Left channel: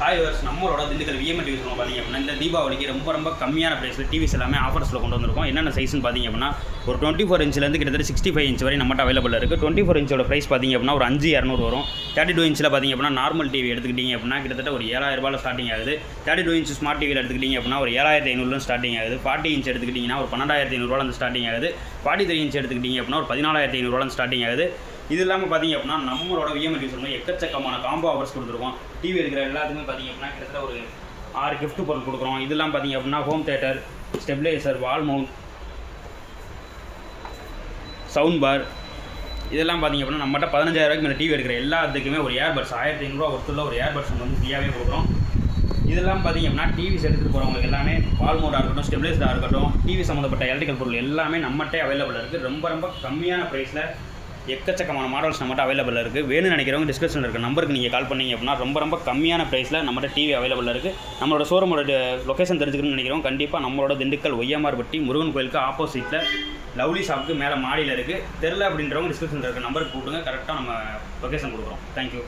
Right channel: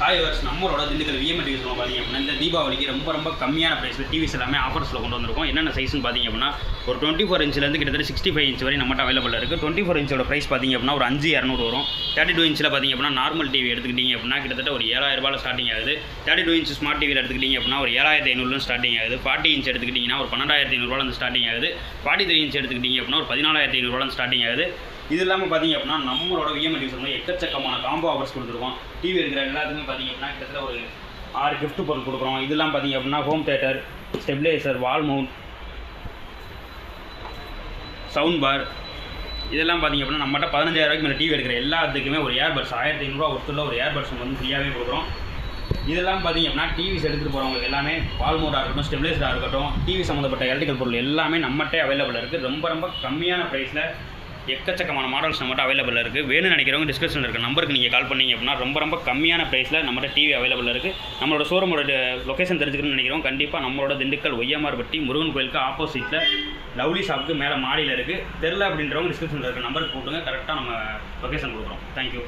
Hi verse நம்மளோட Dindigul VM TV சொல்லுவோம் பார்த்தீங்க அப்படின்னா இந்த தீபாவளிக்கு ரொம்ப ரொம்ப கம்மியான ப்ரைஸில் டிவிஸ் எல்லாமே ஆஃபர்ஸில் கொண்டு வந்திருக்கோம். என்னென்ன சைஸ்னு பார்த்தீங்க அப்படின்னா ஒரு டுவெண்ட்டி ஃபோர் இன்ச்லேருந்து கிட்டத்தட்ட சிக்ஸ்டி ஃபைவ் இன்ச் வரை நம்மகிட்ட அவைலபிள் இருக்குது டுவெண்ட்டி ஃபோர் இன்ச்சோட ப்ரைஸ் பார்த்தீங்க அப்படின்னா ஒரு அஞ்சு இரநூறு வரும். தேர்ட்டி டூ இன்ச்சில் பார்த்தீங்க அப்படின்னா நார்மல் டிவி எடுத்துக்கிட்டீங்க அப்படின்னா கிட்டத்தட்ட ஒரு ஏழாயிரம் ஸ்டார்டிங் ஆகுது. தேர்ட்டி டூ இன்ச் ஸ்மார்ட் டிவியில் எடுத்துக்கிட்டீங்க அப்படின்னா ஒரு ஏழாயிரத்தி ஐநூறுல ஸ்டார்டிங் ஆகுது. ஃபார்ட்டி இன்ச் எடுத்துக்கிட்டிங்கன்னா ஒரு பன்னெண்டாயிரத்தி ஐநூறுவாலேருந்து ஸ்டார்டிங் ஆகுது. ஃபார்ட்டி த்ரீ இன்ச் எடுத்துக்கிட்டீங்க அப்படின்னா ஒரு பதினாலாயிரத்தி ஐநூறுவாலேருந்து ஸ்டார்டிங் ஆகுது. இது இல்லாமல் பார்த்தீங்க அப்படின்னா நம்மளோட விஎம் வந்து எக்கச்சக்கமான காம்போ ஆஃபர்ஸ் கொடுத்துருக்கோம். டிவி இருக்கிற எல்லாத்துக்குமே பார்த்தீங்க அப்படின்னா கிட்டத்தட்ட ஒரு ஆறு கிஃப்ட் பொருள் கொடுக்குறோம். இதெல்லாம் பார்த்தீங்க அப்படின்னா home theatre stabiliser wall mount sound bar இதெல்லாம் பார்த்தீங்க அப்படின்னா நம்மகிட்ட பதினஞ்சாயிரம் மேலே டிவி எடுக்கிற எல்லாத்துக்குமே ஒரு ஏர்பட்ஸ் ஆயிரத்தி ஐநூறுரூவா ஒருத்தரில் ஒரு ஏர்பட்ஸ் வந்து ஃப்ரீயாகவே கொடுக்குறோம். இதெல்லாம் பார்த்தீங்க அப்படின்னா டிவிஸ் எடுத்துகிட்டு போகிறவங்களுக்கு எல்லாமே வால் மோடாக இருக்கட்டும் ஸ்டெபிளைசராக இருக்கட்டும் டிவி சம்மந்தப்பட்ட எலக்ட்ரிக்கல் பொருள் எல்லாமே நம்மகிட்டே அவைலபிள் இருக்குது ரொம்ப ரொம்ப கம்மியான ப்ரைஸில் எக்கச்சக்கமான மாடல்ஸ் நம்மகிட்ட அவைலபிள் இருக்குது வேணும்னு நினைக்கிறவங்க டிஸ்கிரிப்ஷனில் இருக்க நம்பருக்கு நீங்கள் கால் பண்ணீங்க அப்படின்னா ரொம்ப ரொம்ப கம்மியான ப்ரைஸில் நம்மகிட்ட டிவி அவைலபிள் இருக்குது நம்மளோட ஷோரூமோட லொக்கேஷன் தெரிஞ்சுக்கணும்னு நினைக்கிறோம் கண்டிப்பாக நம்மளோட திண்டுக்கல் ஒய்யமார்பட்டி முருகன் கோயிலுக்கு ஆப்போசிட்டில் லவ்லி ஷாப்புக்கு மேலே மாடியில் இருக்குது தெரில அப்படின்றவங்க டிஸ்கிரிப்ஷனில் இருக்க நம்பருக்கு கூப்பிடுங்க. கரெக்டாக நம்ம லொக்கேஷன் கொடுக்குறோம். தேங்க்யூ